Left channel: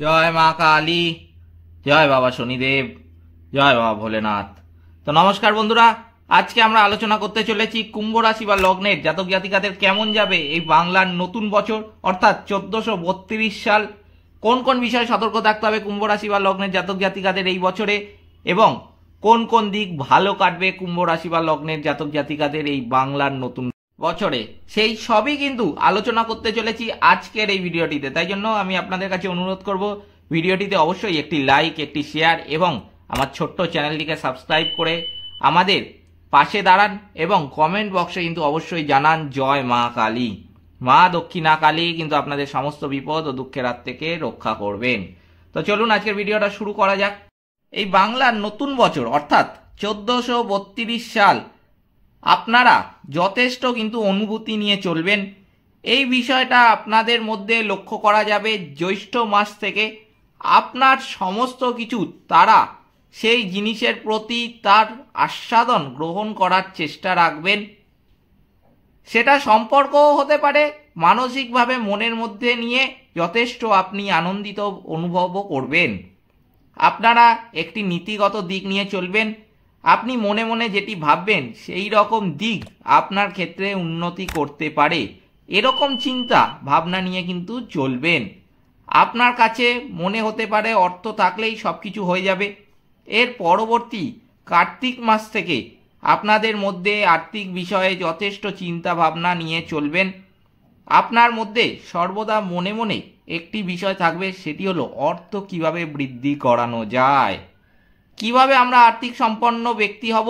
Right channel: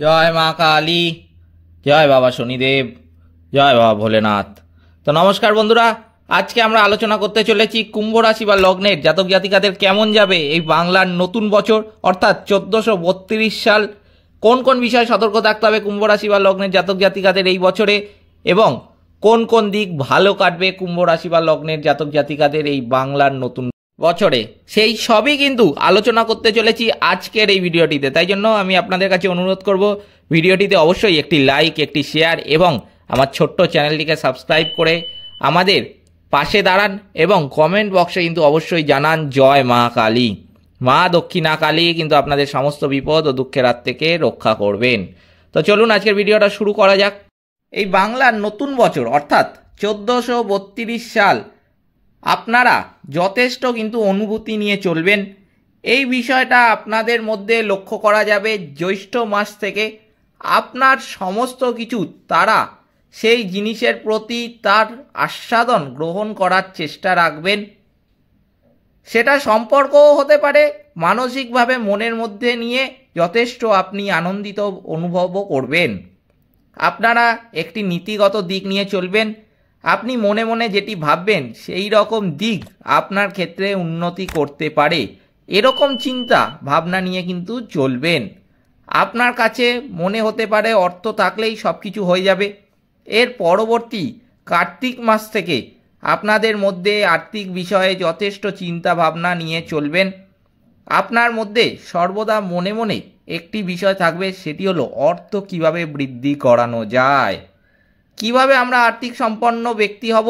জয় মা কালী, জয় বাবা শনিদেব, জয় বাবা ভোলেনাথ। তো নমস্কার বন্ধুরা, আজকে আমরা আলোচনা করতে চলেছি কুম্ভ রাশি বা লগ্নের জাতক জাতিকাদের কেমন যাবে এই বাংলার নতুন বছর অর্থাৎ 1432 সাল। কোন কোন বিষয়ে সতর্ক থাকতে হবে কুম্ভ রাশি বা লগ্নের জাতক জাতিকাদের এই বছরে, এবং কোন কোন দিক ভালো কাটবে কুম্ভ রাশি বা লগ্নের জাতক জাতিকাদের এই বাংলার নতুন বছরে, সেই সবই কিন্তু আলোচনা করতে চলেছি আজকের এই ভিডিওটিতে। তাই জন্য আমি আপনাদের কাছে অনুরোধ করব, ভিডিওটিতে অবশ্যই একটি লাইক, একটি শেয়ার এবং আমার ছোট্ট চ্যানেলটিকে সাবস্ক্রাইব করে আমাদের পাশে দাঁড়ান এবং কমেন্ট বক্সে কিন্তু অবশ্যই জানান জয় মা কালী। মা দক্ষিণা কালী কিন্তু আপনাদের সমস্ত বিপদ ও দুঃখের হাত থেকে রক্ষা করবেন। তো চলুন আজকের ভিডিওটা শুরু করা যাক। এই বাংলার নতুন বছর অর্থাৎ 1432 সাল আপনারা যথেষ্ট কিন্তু অনুভূতি নিয়ে চলবেন। এই বিষয়টা আপনাদের মধ্যে লক্ষ্য করা যাবে জ্যৈষ্ঠ মাস থেকে। আপনার সমস্ত কিছু তারা সেই জিনিসের প্রতি তার আস্বাদন গ্রহণ করার চেষ্টা রাখবেন। সেটা সম্পর্কও হতে পারে, মানসিকভাবে মনের মধ্যে নিয়ে যথেষ্ট আপনি আনন্দিত অনুভবও করবেন। আপনারা একটি নীতিগত দিক নিয়ে চলবেন। আপনি মনে মনে যেটি ভাববেন সেই রকম দিক আপনার ক্ষেত্রে উন্নতি করতে পারে, এরকম চিন্তা ভাবনা নিয়ে কিন্তু চলবেন। আপনার কাছে মনে হতে পারে অর্থ থাকলেই সব কিছু হয়ে যাবে। এর পরবর্তী কার্তিক মাস থেকে আপনাদের মধ্যে আর্থিক বিষয়ে যথেষ্ট চিন্তা ভাবনা নিয়ে চলবেন। আপনার মধ্যে সর্বদা মনে মনে একটি বিষয় থাকবে, সেটি হলো অর্থ কিভাবে বৃদ্ধি করানো যায়, কিভাবে আমরা আর্থিক সম্পন্ন ব্যক্তি হব,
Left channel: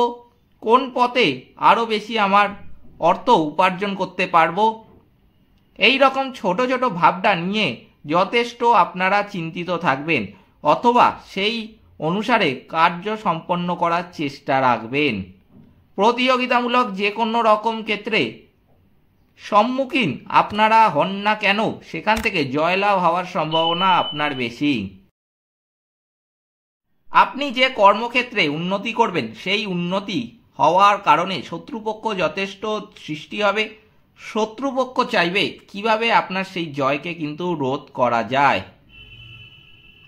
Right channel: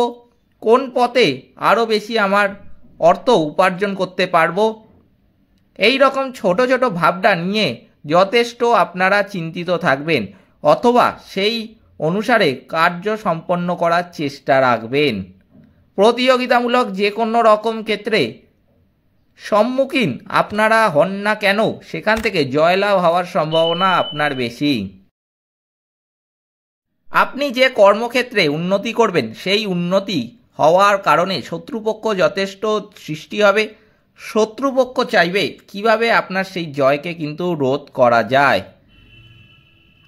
কোন পথে আরও বেশি আমার অর্থ উপার্জন করতে পারবো। এই রকম ছোট ছোট ভাবনা নিয়ে যথেষ্ট আপনারা চিন্তিত থাকবেন, অথবা সেই অনুসারে কার্য সম্পন্ন করার চেষ্টা রাখবেন। প্রতিযোগিতামূলক যে কোনো রকম ক্ষেত্রে সম্মুখীন আপনারা হন না কেন, সেখান থেকে জয়লাভ হওয়ার সম্ভাবনা আপনার বেশি। আপনি যে কর্মক্ষেত্রে উন্নতি করবেন সেই উন্নতি হওয়ার কারণে শত্রুপক্ষ যথেষ্ট সৃষ্টি হবে। শত্রুপক্ষ চাইবে কিভাবে আপনার সেই জয়কে কিন্তু রোধ করা যায়।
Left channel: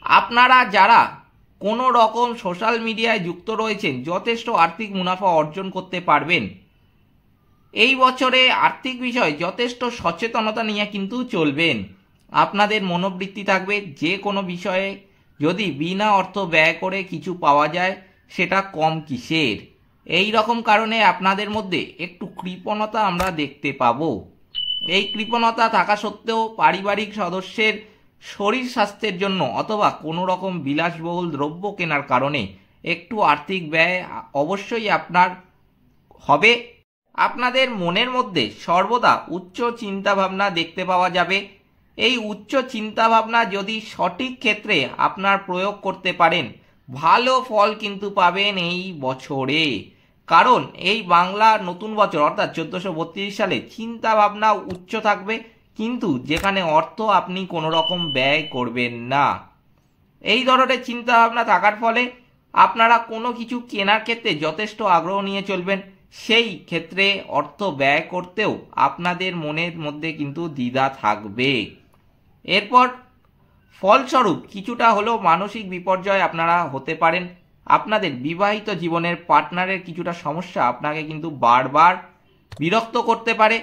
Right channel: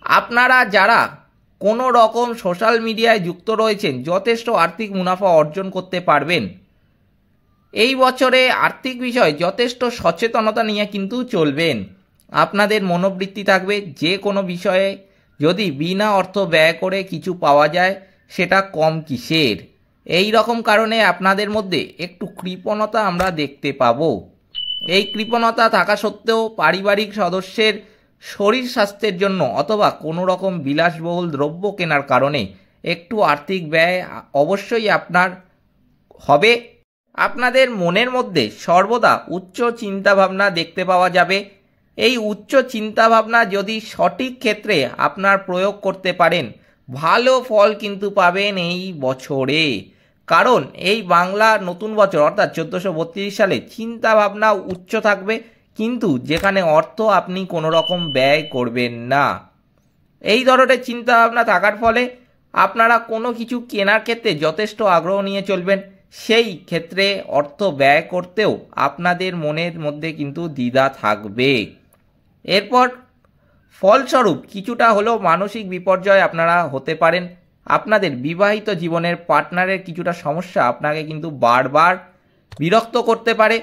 আপনারা যারা কোনো রকম সোশ্যাল মিডিয়ায় যুক্ত রয়েছেন যথেষ্ট আর্থিক মুনাফা অর্জন করতে পারবেন। এই বছরে আর্থিক বিষয়ে যথেষ্ট সচেতনতা নিয়ে কিন্তু চলবেন। আপনাদের মনোবৃত্তি থাকবে যে কোনো বিষয়ে যদি বিনা অর্থ ব্যয় করে কিছু পাওয়া যায় সেটা কম কিসের। এই রকম কারণে আপনাদের মধ্যে একটু কৃপণতা আমরা দেখতে পাবো। এই কৃপণতা থাকা সত্ত্বেও পারিবারিক সদস্যের শরীর স্বাস্থ্যের জন্য অথবা কোনো রকম বিলাসবহুল দ্রব্য কেনার কারণে একটু আর্থিক ব্যয় অবশ্যই আপনার হবে। আপনাদের মনের মধ্যে সর্বদা উচ্চ চিন্তাভাবনা দেখতে পাওয়া যাবে। এই উচ্চ চিন্তাভাবনা যদি সঠিক ক্ষেত্রে আপনার প্রয়োগ করতে পারেন, ভালো ফল কিন্তু পাবেন এই বছরে। কারণ এই বাংলা নতুন বছর অর্থাৎ 1432 সালে চিন্তাভাবনা উচ্চ থাকবে, কিন্তু যেখানে অর্থ আপনি কোনো রকম ব্যয় করবেন না। এই ধরনের চিন্তাভাবনা থাকার ফলে আপনারা কোনো কিছু কেনার ক্ষেত্রে যথেষ্ট আগ্রহ নিয়ে চলবেন। সেই ক্ষেত্রে অর্থ ব্যয় করতেও আপনাদের মনের মধ্যে কিন্তু দ্বিধা থাকবে। এরপর ফলস্বরূপ কিছুটা হলেও মানসিক বিপর্যয় আপনারা হতে পারেন। আপনাদের বিবাহিত জীবনের পার্টনারের কিছুটা সমস্যা আপনাকে কিন্তু বারবার বিরক্ত করতে পারে।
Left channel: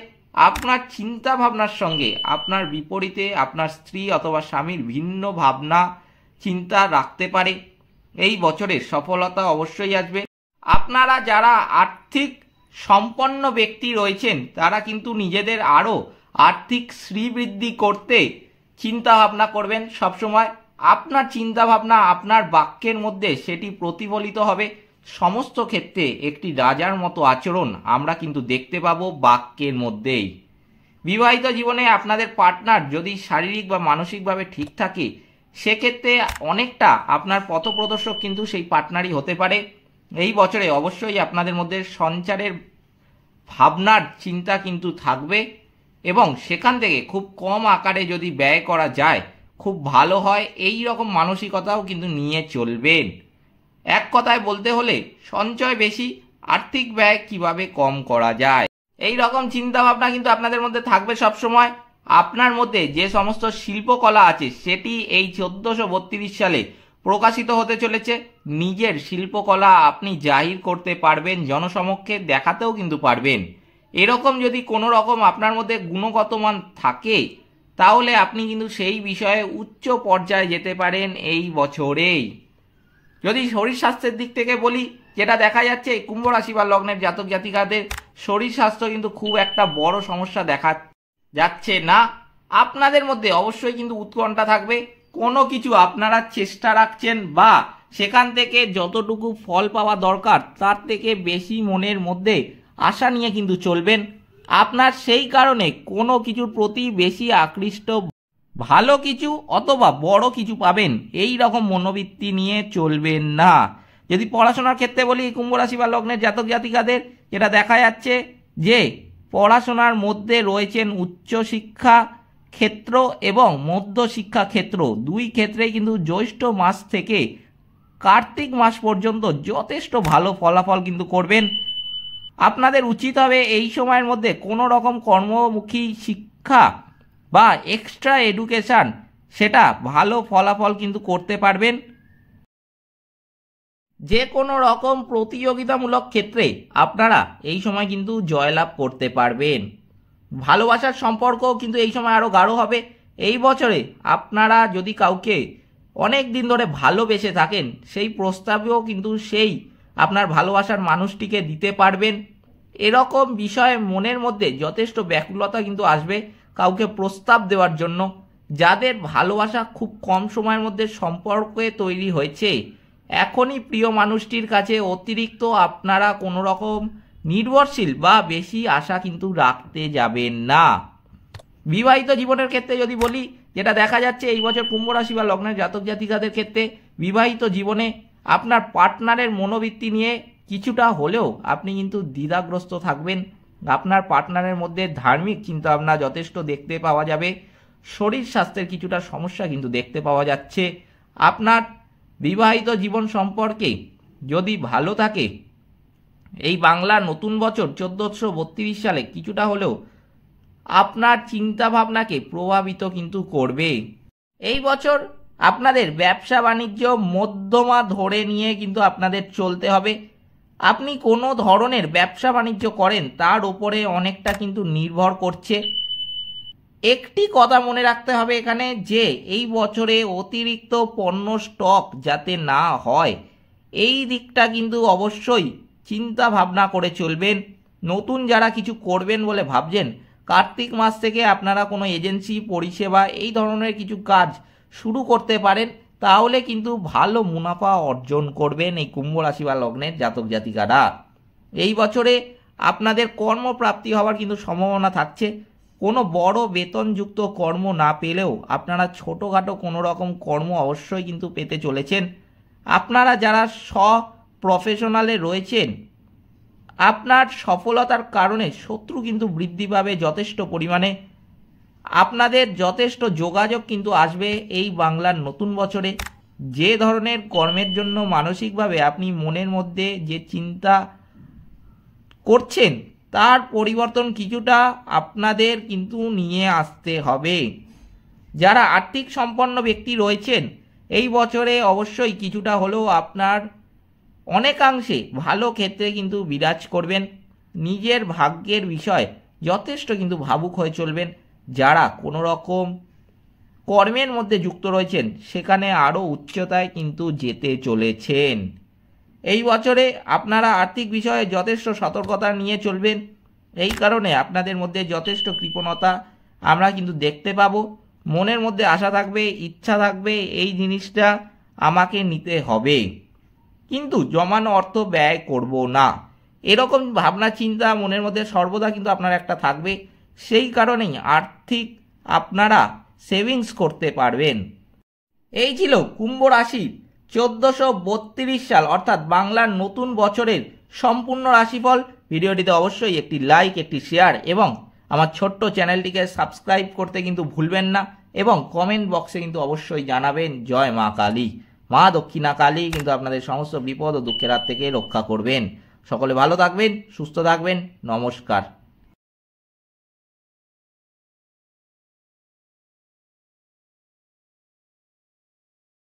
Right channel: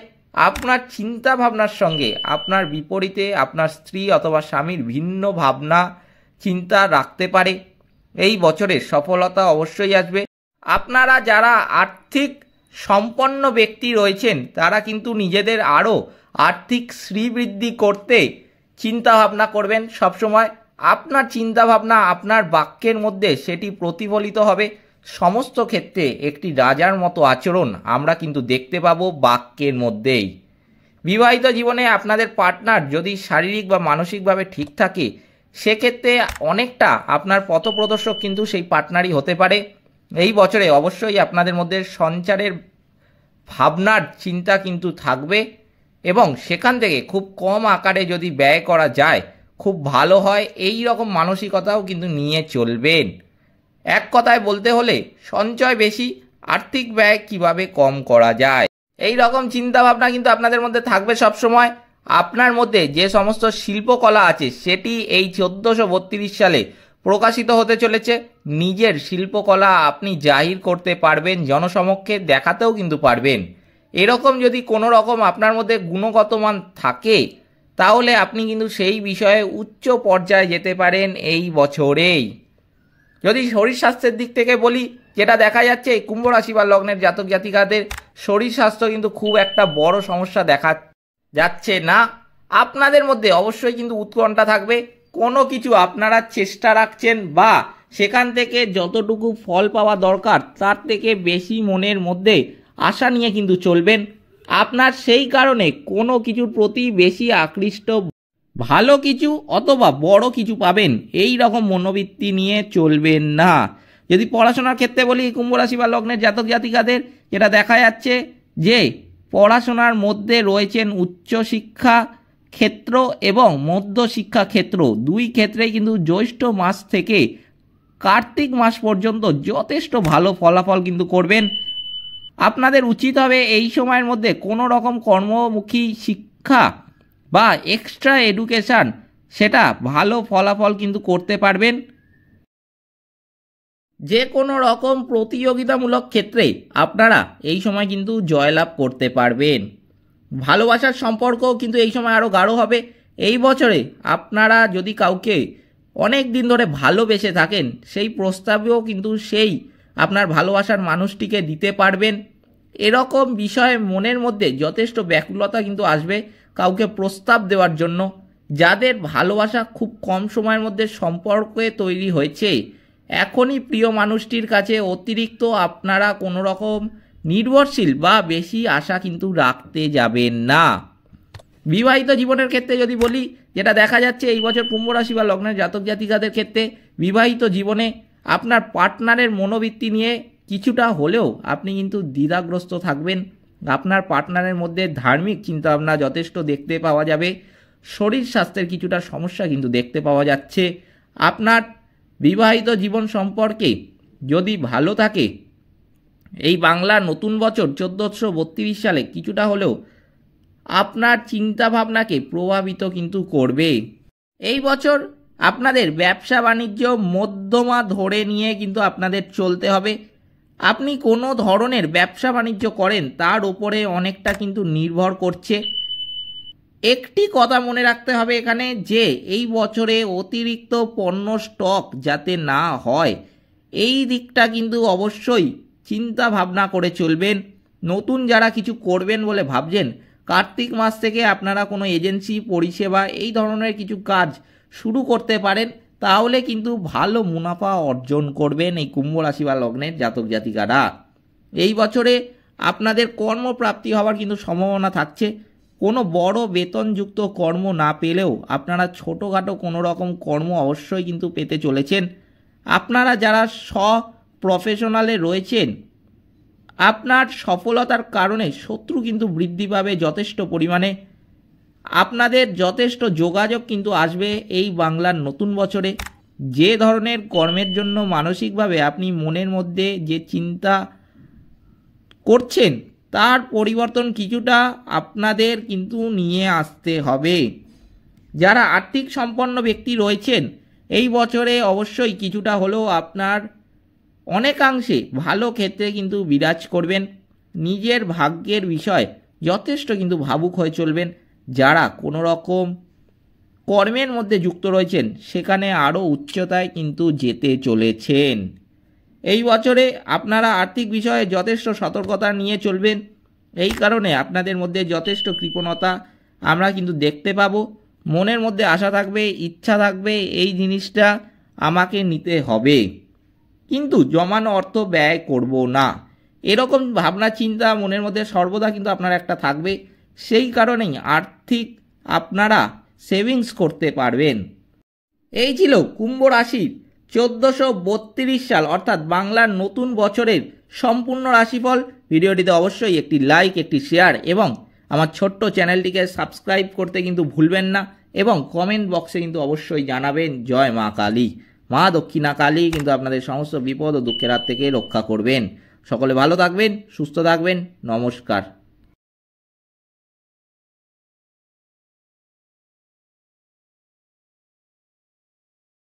আপনার চিন্তা ভাবনার সঙ্গে আপনার বিপরীতে আপনার স্ত্রী অথবা স্বামীর ভিন্ন ভাবনা চিন্তা রাখতে পারে। এই বছরের সফলতা অবশ্যই আসবে। আপনারা যারা আর্থিক সম্পন্ন ব্যক্তি রয়েছেন তারা কিন্তু নিজেদের আরও আর্থিক শ্রীবৃদ্ধি করতে চিন্তা ভাবনা করবেন সবসময়। আপনার চিন্তা ভাবনা আপনার বাক্যের মধ্যে সেটি প্রতিফলিত হবে। সমস্ত ক্ষেত্রে একটি রাজার মতো আচরণ আমরা কিন্তু দেখতে পাবো বাক্যের মধ্যেই। বিবাহিত জীবনে আপনাদের পার্টনার যদি শারীরিক বা মানসিকভাবে ঠিক থাকে, সেক্ষেত্রে অনেকটা আপনার পথপ্রদর্শক কিন্তু সেই পার্টনারই হতে পারে। এই বছরে অবশ্যই আপনাদের মধ্যে সঞ্চারের ভাবনার চিন্তা কিন্তু থাকবে, এবং সেখান থেকে খুব কম আকারে যদি ব্যয় করা যায় খুব ভালো হয়। এই রকম মানসিকতাও কিন্তু নিয়ে চলবেন। এক কথায় বলতে হলে সঞ্চয় বেশি, আর্থিক ব্যয় কিভাবে কম করা যায়, এই রকম চিন্তা ভাবনা কিন্তু আপনাদের মধ্যে থাকবে সবসময়। আপনার মধ্যে যে সমস্ত শিল্পকলা আছে সেটি এই 1432 সালে প্রকাশিত হতে চলেছে। নিজের শিল্পকলা আপনি জাহির করতে পারবেন, জনসমক্ষে দেখাতেও কিন্তু পারবেন। এরকম যদি কোনো রকম আপনার মধ্যে গুণগত মান থাকে তাহলে আপনি কিন্তু সেই বিষয়ে উচ্চ পর্যায়ে যেতে পারেন এই বছরেই। যদি শরীর স্বাস্থ্যের দিক থেকে বলি, যেটা দেখা যাচ্ছে কুম্ভ রাশি বা লগ্নের জাতক জাতিকাদের শরীর স্বাস্থ্য কিন্তু খুব একটা বড় সমস্যা দেখা যাচ্ছে না। আপনাদের মধ্যে অবশ্যই কিন্তু উৎকণ্ঠা থাকবে, কোনো কিছু আপনারা চেষ্টা রাখছেন বা সেখান থেকে যতটুকু ফল পাওয়া দরকার তার থেকে বেশি মনের মধ্যে আশা নিয়ে কিন্তু চলবেন। আপনার সেই কারণে কোনো কিছুর প্রতি বেশি আকৃষ্ট, ভালো কিছু অথবা বড় কিছু পাবেন এই রকম মনোবৃত্তি নিয়ে চলবেন না। যদি পড়াশোনার ক্ষেত্রে বলি, কুম্ভ রাশি বা লগ্নের জাতক জাতিকাদের যেটা দেখা যাচ্ছে যে পড়াশোনার মধ্যে রয়েছেন উচ্চশিক্ষা ক্ষেত্র এবং মধ্য শিক্ষা ক্ষেত্র, দুই ক্ষেত্রেই কিন্তু জ্যৈষ্ঠ মাস থেকে কার্তিক মাস পর্যন্ত যথেষ্ট ভালো ফলাফল কিন্তু করবেন। আপনাদের উচিত হবে এই সময়ের মধ্যে কোনো রকম কর্মমুখী শিক্ষা বা এক্সট্রা এডুকেশান, সেটা ভালো ফলাফল কিন্তু করতে পারবেন। যে কোনো রকম প্রতিযোগিতামূলক ক্ষেত্রে আপনারা এই সময় কিন্তু জয়লাভ করতে পারবেন। ভালোবাসার সম্পর্কও কিন্তু এই সময় আরও গাঢ় হবে। এই বছরে আপনারা যদি কাউকে অনেক দিন ধরে ভালোবেসে থাকেন, সেই প্রস্তাবেও কিন্তু সেই আপনার ভালোবাসার মানুষটিকে দিতে পারবেন। এরকম বিষয়ে মনের মধ্যে যথেষ্ট ব্যাকুলতা কিন্তু আসবে কাউকে প্রস্তাব দেওয়ার জন্য। যাদের ভালোবাসা খুব কম সময়ের মধ্যে সম্পর্কে তৈরি হয়েছে, এখনই প্রিয় মানুষটির কাছে অতিরিক্ত আপনারা কোনো রকম নির্ভরশীল বা বেশি আশা কিন্তু রাখতে যাবেন না। বিবাহিত জীবনের ক্ষেত্রে যদি বলি, যেটা দেখা যাচ্ছে এই বছর কুম্ভ রাশি বা লগ্নের জাতক জাতিকাদের ক্ষেত্রে বিবাহিত জীবনে আপনার পার্টনারের মনোবৃত্তি নিয়ে কিছুটা হলেও আপনি কিন্তু দ্বিধাগ্রস্ত থাকবেন। আপনার পার্টনারের মধ্যে ধার্মিক চিন্তাভাবনা যথেষ্ট দেখতে পাওয়া যাবে। শরীর স্বাস্থ্যের কিছুটা সমস্যা কিন্তু দেখতে পাওয়া যাচ্ছে। আপনার বিবাহিত জীবন সম্পর্কে যদি ভালো থাকে, এই বাংলার নতুন বছর 1432 সালে কিছুটা হলেও আপনার চিন্তা ভাবনাকে প্রভাবিত কিন্তু করবে। এই বছর আপনাদের ব্যবসা বাণিজ্য মধ্যমা ধরে নিয়ে কিন্তু আপনাদের চলতে হবে। আপনি কোনো ধরনের ব্যবসা বাণিজ্য করেন তার উপরে অনেকটা কিন্তু নির্ভর করছে। একটি কথা মনে রাখতে হবে এখানে, যে এই বছরে অতিরিক্ত পণ্য স্টক যাতে না হয় এই দিকটা কিন্তু অবশ্যই চিন্তা ভাবনা করে চলবেন। নতুন যারা কিছু করবেন বলে ভাবছেন, কার্তিক মাস থেকে আপনারা কোনো এজেন্সি পরিষেবা এই ধরনের কিছু কাজ শুরু করতে পারেন, তাহলে কিন্তু ভালো মুনাফা অর্জন করবেন এই কুম্ভ রাশি বা লগ্নের জাতক জাতিকারা। এই বছরে আপনাদের কর্মপ্রাপ্তি হওয়ার কিন্তু সম্ভাবনা থাকছে। কোনো বড় বেতনযুক্ত কর্ম না পেলেও আপনারা ছোটোখাটো কোনো রকম কর্ম অবশ্যই কিন্তু পেতে চলেছেন। আপনারা যারা প্রফেশনালে রয়েছেন, আপনার সফলতার কারণে শত্রু কিন্তু বৃদ্ধি পাবে যথেষ্ট পরিমাণে। আপনাদের যথেষ্ট যোগাযোগ কিন্তু আসবে এই বাংলার নতুন বছরে। যে ধরনের কর্মের জন্য মানসিকভাবে আপনি মনের মধ্যে যে চিন্তা করছেন তার পরিবর্তন কিছুটা আপনাদের কিন্তু নিয়ে আসতে হবে। যারা আর্থিক সম্পন্ন ব্যক্তি রয়েছেন, এই বছরে অবশ্যই কিছুটা হলেও আপনার অনেকাংশে ভালো ক্ষেত্রে কিন্তু বিরাজ করবেন। নিজের ভাগ্যের বিষয় যথেষ্ট কিন্তু ভাবুক হয়ে চলবেন। যারা কোনো রকম কর্মের মধ্যে যুক্ত রয়েছেন সেখানে আরও উচ্চতায় কিন্তু যেতে চলেছেন। এই বছরে আপনারা আর্থিক বিষয়ে যথেষ্ট সতর্কতা নিয়ে চলবেন। এই কারণে আপনাদের মধ্যে যথেষ্ট কৃপণতা আমরা কিন্তু দেখতে পাবো। মনের মধ্যে আশা থাকবে, ইচ্ছা থাকবে এই জিনিসটা আমাকে নিতে হবে, কিন্তু জমানো অর্থ ব্যয় করব না, এরকম ভাবনা চিন্তা মনের মধ্যে সর্বদা কিন্তু আপনার একটা থাকবে। সেই কারণেই আর্থিক আপনারা সেভিংস করতে পারবেন। এই ছিল কুম্ভ রাশির 1432 সাল অর্থাৎ বাংলার নতুন বছরের সম্পূর্ণ রাশিফল। ভিডিওটিতে অবশ্যই একটি লাইক, একটি শেয়ার এবং আমার ছোট্ট চ্যানেলটিকে সাবস্ক্রাইব করতে কিন্তু ভুলবেন না, এবং কমেন্ট বক্সে কিন্তু অবশ্যই জানাবেন জয় মা কালী। মা দক্ষিণা কালী কিন্তু আপনাদের সমস্ত বিপদ ও দুঃখের হাত থেকে রক্ষা করবেন। সকলে ভালো থাকবেন, সুস্থ থাকবেন। নমস্কার।